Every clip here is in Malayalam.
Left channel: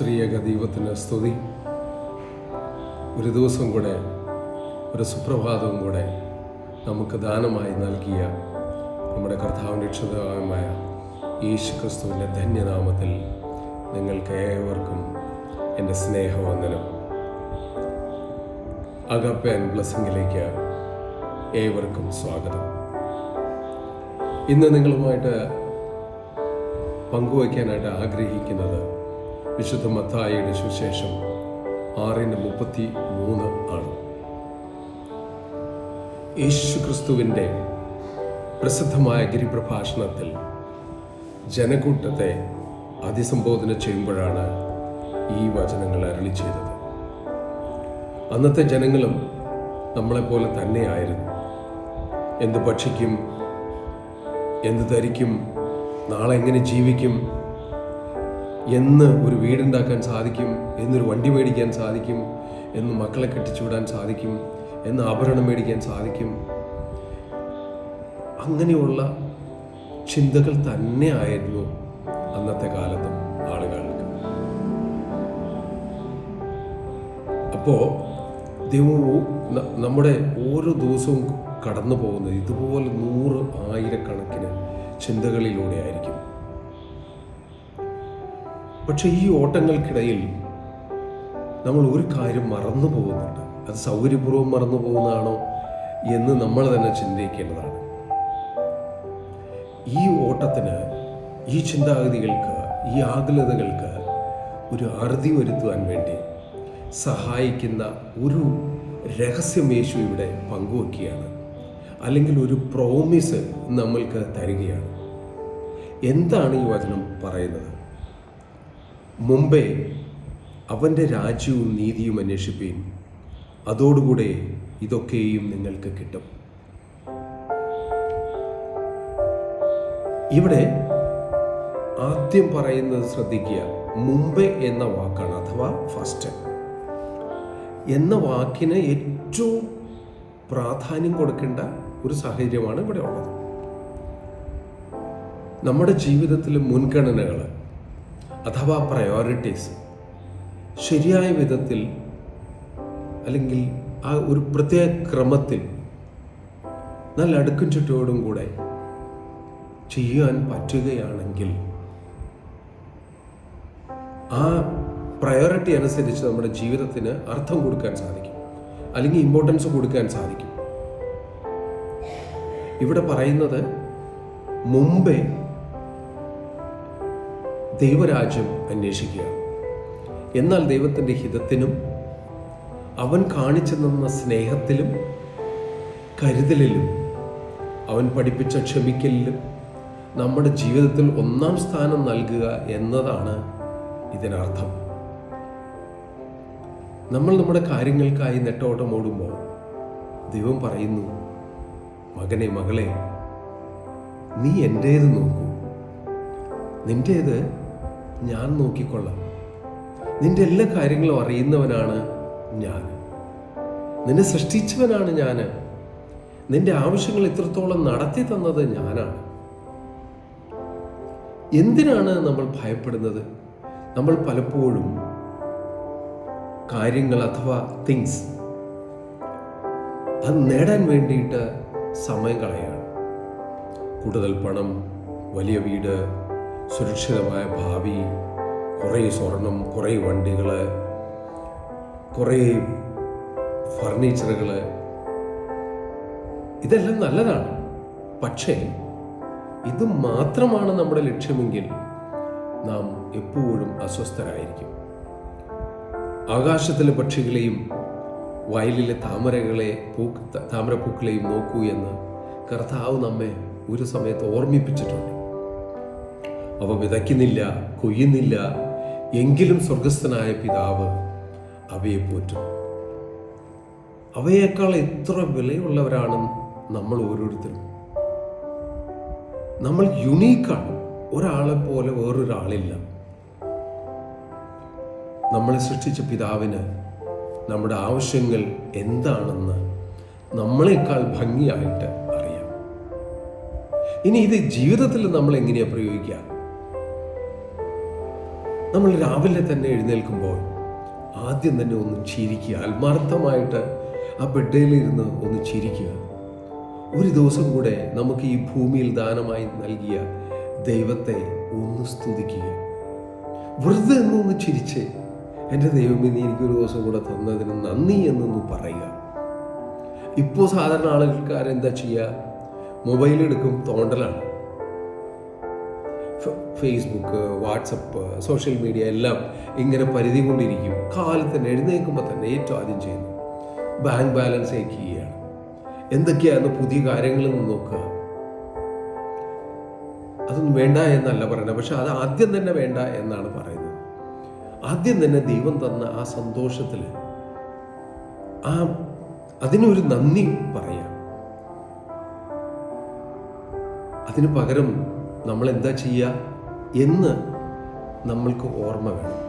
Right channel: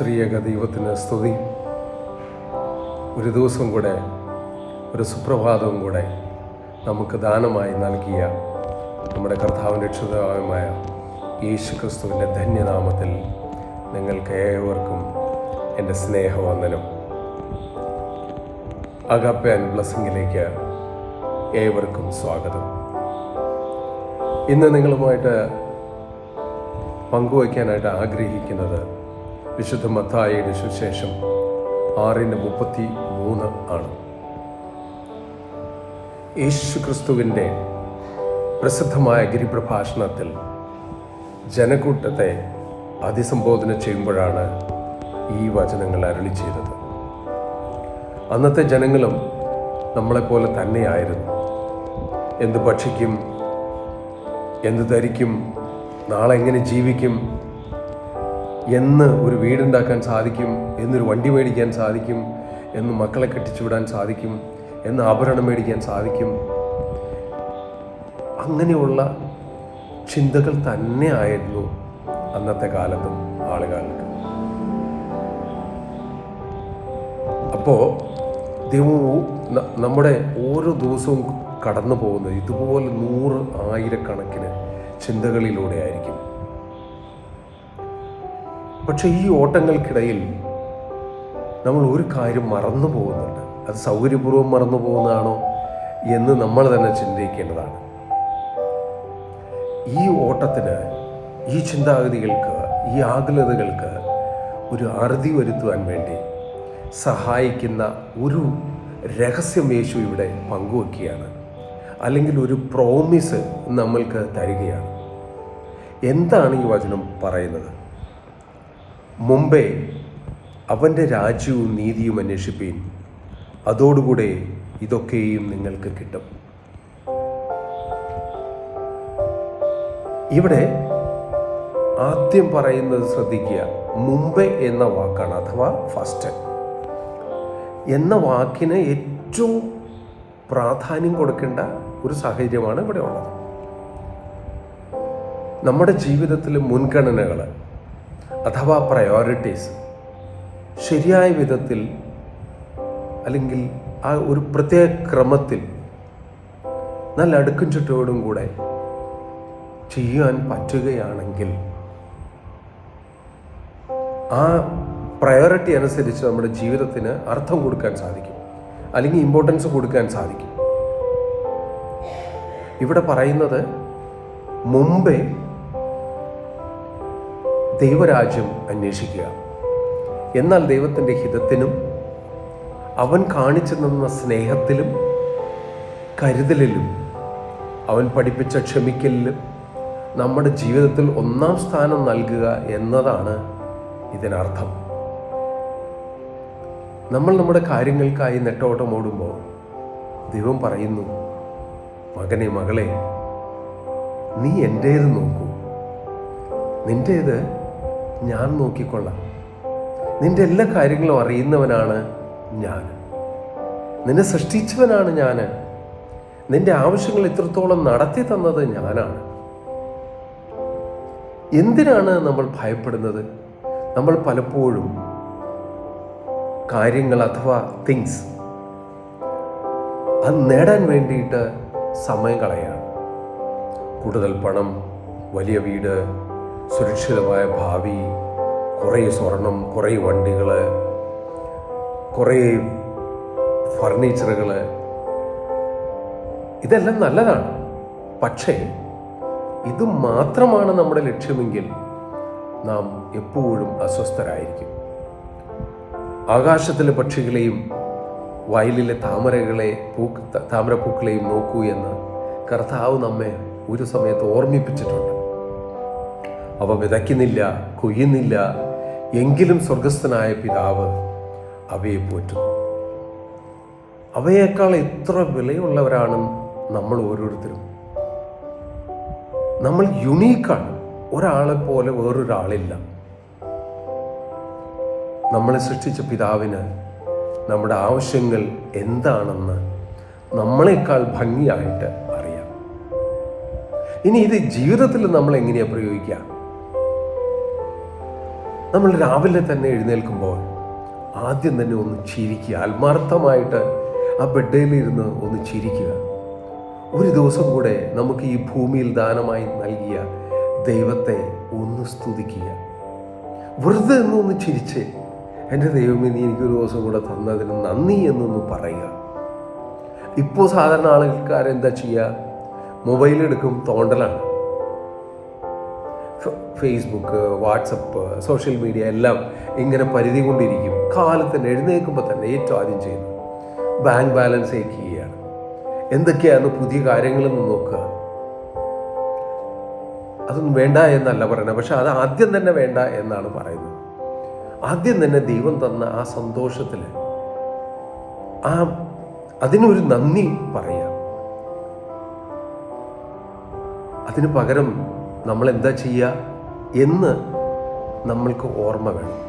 ത്രിയേക ദൈവത്തിന് സ്തുതി. ഒരു ദിവസം കൂടെ, ഒരു സുപ്രഭാതവും കൂടെ നമുക്ക് ദാനമായി നൽകിയ നമ്മുടെ കർത്താവിൻ്റെ രക്ഷിതാവുമായ യേശു ക്രിസ്തുവിൻ്റെ ധന്യനാമത്തിൽ നിങ്ങൾക്ക് ഏവർക്കും എൻ്റെ സ്നേഹവന്ദനം. അഗാപ്പെ ആൻഡ് ബ്ലെസ്സിങ്ങിലേക്ക് ഏവർക്കും സ്വാഗതം. ഇന്ന് നിങ്ങളുമായിട്ട് പങ്കുവയ്ക്കാനായിട്ട് ആഗ്രഹിക്കുന്നത് വിശുദ്ധ മത്തായിയുടെ സുവിശേഷം 6:33 ആണ്. യേശു ക്രിസ്തുവിൻ്റെ പ്രസിദ്ധമായ ഗിരിപ്രഭാഷണത്തിൽ ജനക്കൂട്ടത്തെ അഭിസംബോധന ചെയ്യുമ്പോഴാണ് ഈ വചനങ്ങൾ അരുളി ചെയ്തത്. അന്നത്തെ ജനങ്ങളും നമ്മളെപ്പോലെ തന്നെയായിരുന്നു. എന്ത് ഭക്ഷിക്കും, എന്ത് ധരിക്കും, നാളെ എങ്ങനെ ജീവിക്കും, എന്ന് ഒരു വീടുണ്ടാക്കാൻ സാധിക്കും, എന്നൊരു വണ്ടി മേടിക്കാൻ സാധിക്കും, എന്ന് മക്കളെ കെട്ടിച്ചുവിടാൻ സാധിക്കും, എന്ന് ആഭരണം മേടിക്കാൻ സാധിക്കും, അങ്ങനെയുള്ള ചിന്തകൾ തന്നെ ആയിരുന്നു അന്നത്തെ കാലത്തും ആളുകൾക്ക്. അപ്പോൾ ദൈവവും നമ്മുടെ ഓരോ ദിവസവും കടന്നു പോകുന്നത് ഇതുപോലെ 100,000 ചിന്തകളിലൂടെ ആയിരിക്കും. പക്ഷെ ഈ ഓട്ടങ്ങൾക്കിടയിൽ നമ്മൾ ഒരു കാര്യം മറന്നു പോകുന്നുണ്ട്. അത് സൗകര്യപൂർവ്വം മറന്നു പോകുന്നതാണോ എന്ന് നമ്മൾ തന്നെ ചിന്തിക്കേണ്ടതാണ്. ഈ ഓട്ടത്തിന്, ഈ ചിന്താഗതികൾക്ക്, ഈ ആകുലതകൾക്ക് ഒരു അറുതി വരുത്തുവാൻ വേണ്ടി സഹായിക്കുന്ന ഒരു രഹസ്യം യേശു ഇവിടെ പങ്കുവെക്കുകയാണ്. അല്ലെങ്കിൽ ഒരു പ്രോമിസ് നമ്മൾക്ക് തരികയാണ്. എന്താണ് ഈ വചനം പറയുന്നത്? മുമ്പേ അവൻ്റെ രാജ്യവും നീതിയും അന്വേഷിപ്പീൻ, അതോടുകൂടെ ഇതൊക്കെയും നിങ്ങൾക്ക് കിട്ടും. ഇവിടെ ആദ്യം പറയുന്നത് ശ്രദ്ധിക്കുക. മുമ്പേ എന്ന വാക്കാണ്, അഥവാ ഫസ്റ്റ് എന്ന വാക്കിന് ഏറ്റവും പ്രാധാന്യം കൊടുക്കേണ്ട ഒരു സാഹചര്യമാണ് ഇവിടെ ഉള്ളത്. നമ്മുടെ ജീവിതത്തിലെ മുൻഗണനകൾ അഥവാ പ്രയോറിറ്റീസ് ശരിയായ വിധത്തിൽ, അല്ലെങ്കിൽ ആ ഒരു പ്രത്യേക ക്രമത്തിൽ നല്ല അടുക്കും ചുറ്റോടും കൂടെ ചെയ്യാൻ പറ്റുകയാണെങ്കിൽ ആ പ്രയോറിറ്റി അനുസരിച്ച് നമ്മുടെ ജീവിതത്തിന് അർത്ഥം കൊടുക്കാൻ സാധിക്കും, അല്ലെങ്കിൽ ഇമ്പോർട്ടൻസ് കൊടുക്കാൻ സാധിക്കും. ഇവിടെ പറയുന്നത് മുമ്പേ ദൈവരാജ്യം അന്വേഷിക്കുക. എന്നാൽ ദൈവത്തിൻ്റെ ഹിതത്തിനും അവൻ കാണിച്ചു തന്ന സ്നേഹത്തിലും കരുതലിലും അവൻ പഠിപ്പിച്ച ക്ഷമിക്കലിലും നമ്മുടെ ജീവിതത്തിൽ 1-ാം സ്ഥാനം നൽകുക എന്നതാണ് ഇതിനർത്ഥം. നമ്മൾ നമ്മുടെ കാര്യങ്ങൾക്കായി നെട്ടോട്ടം ഓടുമ്പോൾ ദൈവം പറയുന്നു, മകനെ, മകളെ, നീ എൻ്റേത് നോക്കൂ, നിൻ്റേത് ഞാൻ നോക്കിക്കൊള്ളാം. നിന്റെ എല്ലാ കാര്യങ്ങളും അറിയുന്നവനാണ് ഞാൻ, നിന്നെ സൃഷ്ടിച്ചവനാണ് ഞാൻ, നിന്റെ ആവശ്യങ്ങൾ ഇത്രത്തോളം നടത്തി തന്നത് ഞാനാണ്. എന്തിനാണ് നമ്മൾ ഭയപ്പെടുന്നത്? നമ്മൾ പലപ്പോഴും കാര്യങ്ങൾ അഥവാ തിങ്സ് അത് നേടാൻ വേണ്ടിയിട്ട് സമയം കളയാണ്. കൂടുതൽ പണം, വലിയ വീട്, സുരക്ഷിതമായ ഭാവി, കുറേ സ്വർണം, കുറേ വണ്ടികൾ, കുറേ ഫർണിച്ചറുകൾ, ഇതെല്ലാം നല്ലതാണ്. പക്ഷേ ഇത് മാത്രമാണ് നമ്മുടെ ലക്ഷ്യമെങ്കിൽ നാം എപ്പോഴും അസ്വസ്ഥരായിരിക്കും. ആകാശത്തിലെ പക്ഷികളെയും വയലിലെ താമരപ്പൂക്കളെയും നോക്കൂ എന്ന് കർത്താവ് നമ്മെ ഒരു സമയത്ത് ഓർമ്മിപ്പിച്ചിട്ടുണ്ട്. അവ വിതയ്ക്കുന്നില്ല, കൊയ്യുന്നില്ല, എങ്കിലും സ്വർഗസ്ഥനായ പിതാവ് അവയെ പോറ്റുന്നു. അവയേക്കാൾ എത്ര വിലയുള്ളവരാണ് നമ്മൾ ഓരോരുത്തരും. നമ്മൾ യുണീക്കാണ്. ഒരാളെ പോലെ വേറൊരാളില്ല. നമ്മളെ സൃഷ്ടിച്ച പിതാവിന് നമ്മുടെ ആവശ്യങ്ങൾ എന്താണെന്ന് നമ്മളെക്കാൾ ഭംഗിയായിട്ട് അറിയാം. ഇനി ഇത് ജീവിതത്തിൽ നമ്മൾ എങ്ങനെയാണ് പ്രയോഗിക്കുക? നമ്മൾ രാവിലെ തന്നെ എഴുന്നേൽക്കുമ്പോൾ ആദ്യം തന്നെ ഒന്ന് ചിരിക്കുക, ആത്മാർത്ഥമായിട്ട് ആ ബെഡേലിരുന്ന് ഒന്ന് ചിരിക്കുക. ഒരു ദിവസം കൂടെ നമുക്ക് ഈ ഭൂമിയിൽ ദാനമായി നൽകിയ ദൈവത്തെ ഒന്ന് സ്തുതിക്കുക. വെറുതെ എന്നൊന്ന് ചിരിച്ച്, എൻ്റെ ദൈവമേ, നീ എനിക്കൊരു ദിവസം കൂടെ തന്നതിന് നന്ദി എന്നൊന്ന് പറയുക. ഇപ്പോൾ സാധാരണ ആളുകൾക്കാരെന്താ ചെയ്യുക? മൊബൈലെടുക്കും, തോണ്ടലാണ്. ഫേസ്ബുക്ക്, വാട്സപ്പ്, സോഷ്യൽ മീഡിയ എല്ലാം ഇങ്ങനെ പരിധി കൊണ്ടിരിക്കും. കാലത്തിന് എഴുന്നേൽക്കുമ്പോൾ തന്നെ ഏറ്റവും ആദ്യം ചെയ്യുന്നു ബാങ്ക് ബാലൻസ് ചെക്ക് ചെയ്യുകയാണ്. എന്തൊക്കെയാണ് പുതിയ കാര്യങ്ങളെന്ന് നോക്കുക. അതൊന്നും വേണ്ട എന്നല്ല പറയുന്നത്, പക്ഷെ അത് ആദ്യം തന്നെ വേണ്ട എന്നാണ് പറയുന്നത്. ആദ്യം തന്നെ ദൈവം തന്ന ആ സന്തോഷത്തിൽ അതിനൊരു നന്ദി പറയാം. അതിന് പകരം നമ്മൾ എന്താ ചെയ്യുക എന്ന് നമ്മൾക്ക് ഓർമ്മ വേണം.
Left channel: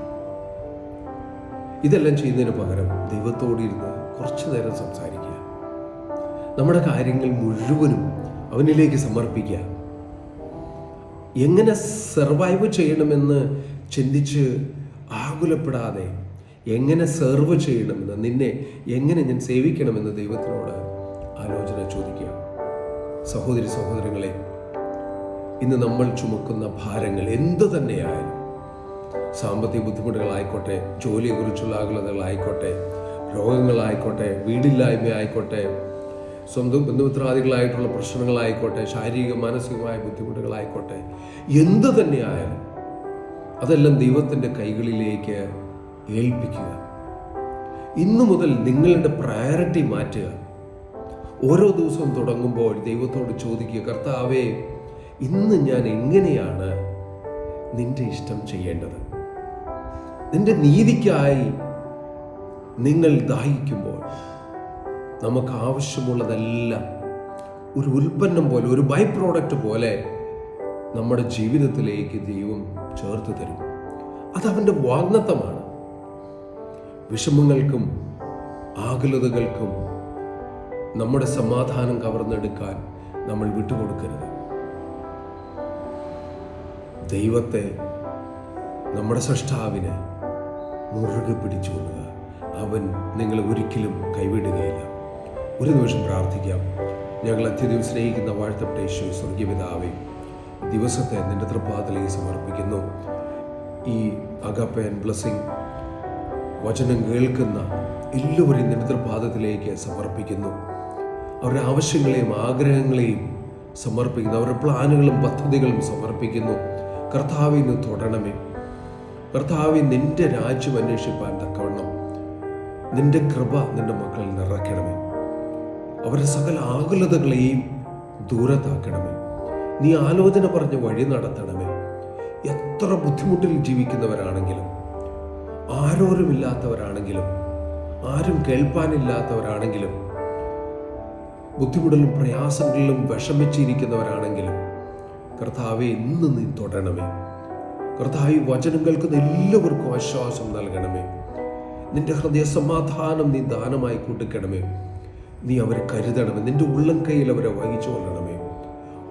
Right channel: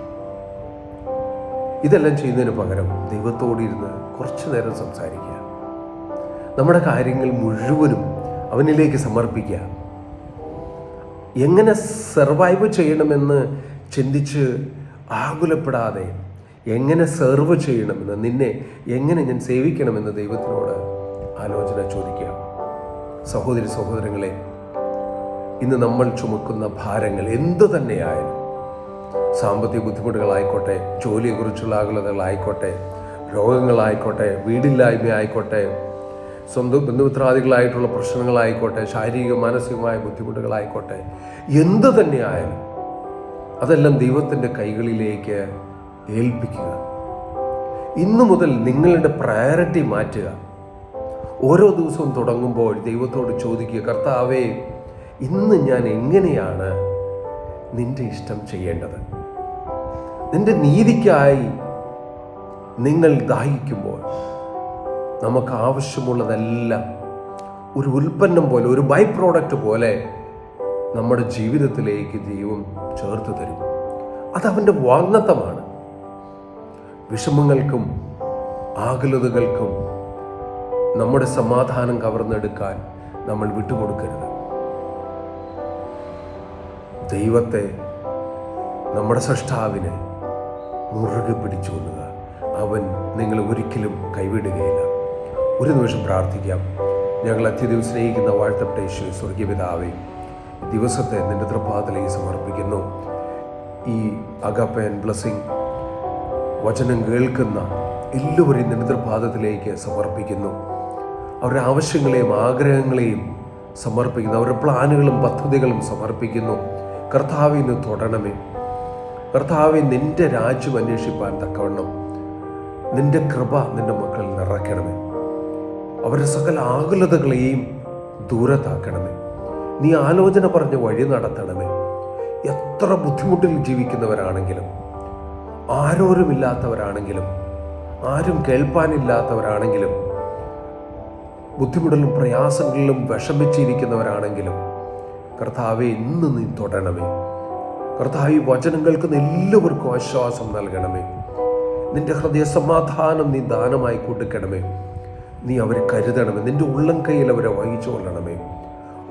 ഇതെല്ലാം ചെയ്യുന്നതിന് പകരം ദൈവത്തോടിരുന്ന് കുറച്ചു നേരം സംസാരിക്കുക. നമ്മുടെ കാര്യങ്ങൾ മുഴുവനും അവനിലേക്ക് സമർപ്പിക്കുക. എങ്ങനെ സർവൈവ് ചെയ്യണമെന്ന് ചിന്തിച്ച് ആകുലപ്പെടാതെ എങ്ങനെ സെർവ് ചെയ്യണമെന്ന്, നിന്നെ എങ്ങനെ ഞാൻ സേവിക്കണമെന്ന് ദൈവത്തിനോട് ആലോചന ചോദിക്കുക. സഹോദരി സഹോദരങ്ങളെ, ഇന്ന് നമ്മൾ ചുമക്കുന്ന ഭാരങ്ങൾ എന്തു തന്നെയായാലും, സാമ്പത്തിക ബുദ്ധിമുട്ടുകളായിക്കോട്ടെ, ജോലിയെക്കുറിച്ചുള്ള ആകുലതകളായിക്കോട്ടെ, രോഗങ്ങളായിക്കോട്ടെ, വീടില്ലായ്മ ആയിക്കോട്ടെ, സ്വന്തം ബന്ധുമിത്രാദികളായിട്ടുള്ള പ്രശ്നങ്ങളായിക്കോട്ടെ, ശാരീരിക മാനസികമായ ബുദ്ധിമുട്ടുകളായിക്കോട്ടെ, എന്തു തന്നെയായാലും അതെല്ലാം ദൈവത്തിൻ്റെ കൈകളിലേക്ക് ഏൽപ്പിക്കുക. ഇന്നു മുതൽ നിങ്ങളുടെ പ്രയോറിറ്റി മാറ്റുക. ഓരോ ദിവസവും തുടങ്ങുമ്പോൾ ദൈവത്തോട് ചോദിക്കുക, കർത്താവേ, ഇന്ന് ഞാൻ എങ്ങനെയാണ് നിന്റെ ഇഷ്ടം ചെയ്യേണ്ടത്? നിന്റെ നീതിക്കായി നിങ്ങൾ ദാഹിക്കുമ്പോൾ നമുക്ക് ആവശ്യമുള്ളതെല്ലാം ഒരു ഉൽപ്പന്നം പോലെ, ഒരു ബൈ പ്രോഡക്റ്റ് പോലെ നമ്മുടെ ജീവിതത്തിലേക്ക് ദൈവം ചേർത്ത് തരും. അതവൻ്റെ വാഗ്ദത്തമാണ്. വിഷമങ്ങൾക്കും ആകുലതകൾക്കും നമ്മുടെ സമാധാനം കവർന്നെടുക്കാൻ നമ്മൾ വിട്ടുകൊടുക്കരുത്. ദൈവത്തെ, നമ്മുടെ സൃഷ്ടാവിനെ മുറുകെ പിടിച്ചുകൊള്ളുക. അവൻ നിങ്ങളെ ഒരിക്കലും കൈവിടുകയില്ല. ഒരു നിമിഷം പ്രാർത്ഥിക്കാം. ഞങ്ങൾ അത്യധികം സ്നേഹിക്കുന്ന വാഴ്ത്തപ്പെട്ട യേശുവേ, സ്വർഗീയ പിതാവേ, ദിവസത്തെ നിന്റെ തൃപ്പാദത്തിലേക്ക് സമർപ്പിക്കുന്നു. ഈ അഗാപ്പെ ആൻഡ് ബ്ലെസ്സിംഗ് വചനം കേൾക്കുന്ന എല്ലാവരെയും നിന്റെ തൃപ്പാദത്തിലേക്ക് സമർപ്പിക്കുന്നു. അവരുടെ ആവശ്യങ്ങളെയും ആഗ്രഹങ്ങളെയും സമർപ്പിക്കുന്നു. അവരുടെ പ്ലാനുകളും പദ്ധതികളും സമർപ്പിക്കുന്നു. കർത്താവെ, ഇന്ന് തൊടണമേ. കർത്താവെ, നിന്റെ രാജ്യം അന്വേഷിപ്പാൻ തക്കവണ്ണം നിന്റെ കൃപ നിന്റെ മക്കളിൽ നിറയ്ക്കണമേ. അവരുടെ സകല ആകുലതകളെയും ദൂരത്താക്കണമേ. നീ ആലോചന പറഞ്ഞ വഴി നടത്തണമേ. എത്ര ബുദ്ധിമുട്ടിൽ ജീവിക്കുന്നവരാണെങ്കിലും, ആരോരുമില്ലാത്തവരാണെങ്കിലും, ആരും കേൾപ്പാനില്ലാത്തവരാണെങ്കിലും, ബുദ്ധിമുട്ടിലും പ്രയാസങ്ങളിലും വിഷമിച്ചിരിക്കുന്നവരാണെങ്കിലും, കർത്താവെ, ഇന്ന് നീ തൊടണമേ. കർത്താവ്, ഈ വചനം കേൾക്കുന്ന എല്ലാവർക്കും ആശ്വാസം നൽകണമേ. നിന്റെ ഹൃദയ സമാധാനം നീ ദാനമായി കൊടുക്കണമേ. നീ അവരെ കരുതണമേ. നിന്റെ ഉള്ളം കൈയിൽ അവരെ വഹിച്ചു കൊള്ളണമേ.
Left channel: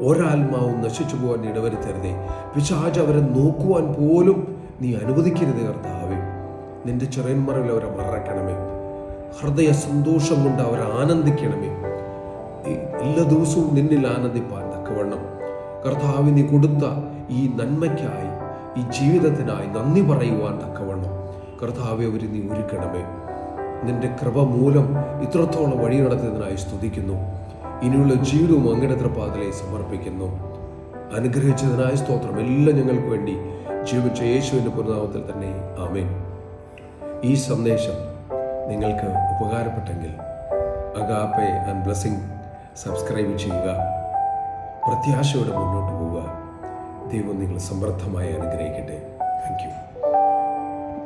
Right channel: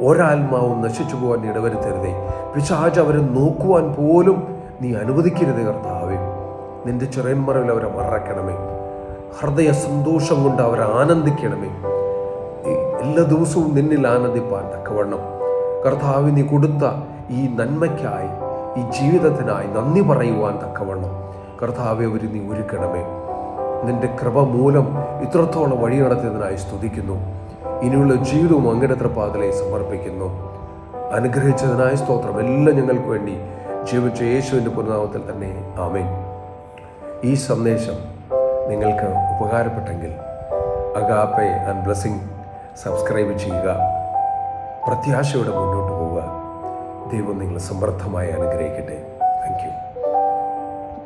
ഒരാത്മാവും നശിച്ചു പോകാൻ ഇടവരുത്തരുതേ. പിശാച് അവരെ നോക്കുവാൻ പോലും നീ അനുവദിക്കരുത്. കർത്താവേ, നിന്റെ ചെറിയന്മറയിൽ അവരെ മറക്കണമേ. ഹൃദയ സന്തോഷം കൊണ്ട് അവരെ ആനന്ദിക്കണമേ. എല്ലാ ദിവസവും നിന്നിൽ ആനന്ദിപ്പാൻ തക്കവണ്ണം കർത്താവ് നീ കൊടുത്ത ഈ നന്മയ്ക്കായി, ഈ ജീവിതത്തിനായി നന്ദി പറയുവാൻ തക്കവണ്ണം കർത്താവെ അവർ നീ ഒരുക്കണമേ. നിന്റെ കൃപ മൂലം ഇത്രത്തോളം വഴി നടത്തിയതിനായി സ്തുതിക്കുന്നു. ഇനിയുള്ള ജീവിതവും അങ്ങയുടെ തൃപ്പാദത്തിലെ സമർപ്പിക്കുന്നു. അനുഗ്രഹിച്ചതിനായി സ്തോത്രം. എല്ലാം ഞങ്ങൾക്ക് വേണ്ടി ജീവിച്ച യേശുവിൻ്റെ പുനർനാമത്തിൽ തന്നെ ആമേൻ. ഈ സന്ദേശം നിങ്ങൾക്ക് ഉപകാരപ്പെട്ടെങ്കിൽ അഗാപ്പെ ആൻഡ് ബ്ലെസ്സിംഗ് സബ്സ്ക്രൈബ് ചെയ്യുക. പ്രത്യാശയോടെ മുന്നോട്ട് പോവുക. ദൈവം നിങ്ങളെ സമൃദ്ധമായി അനുഗ്രഹിക്കട്ടെ. Thank you.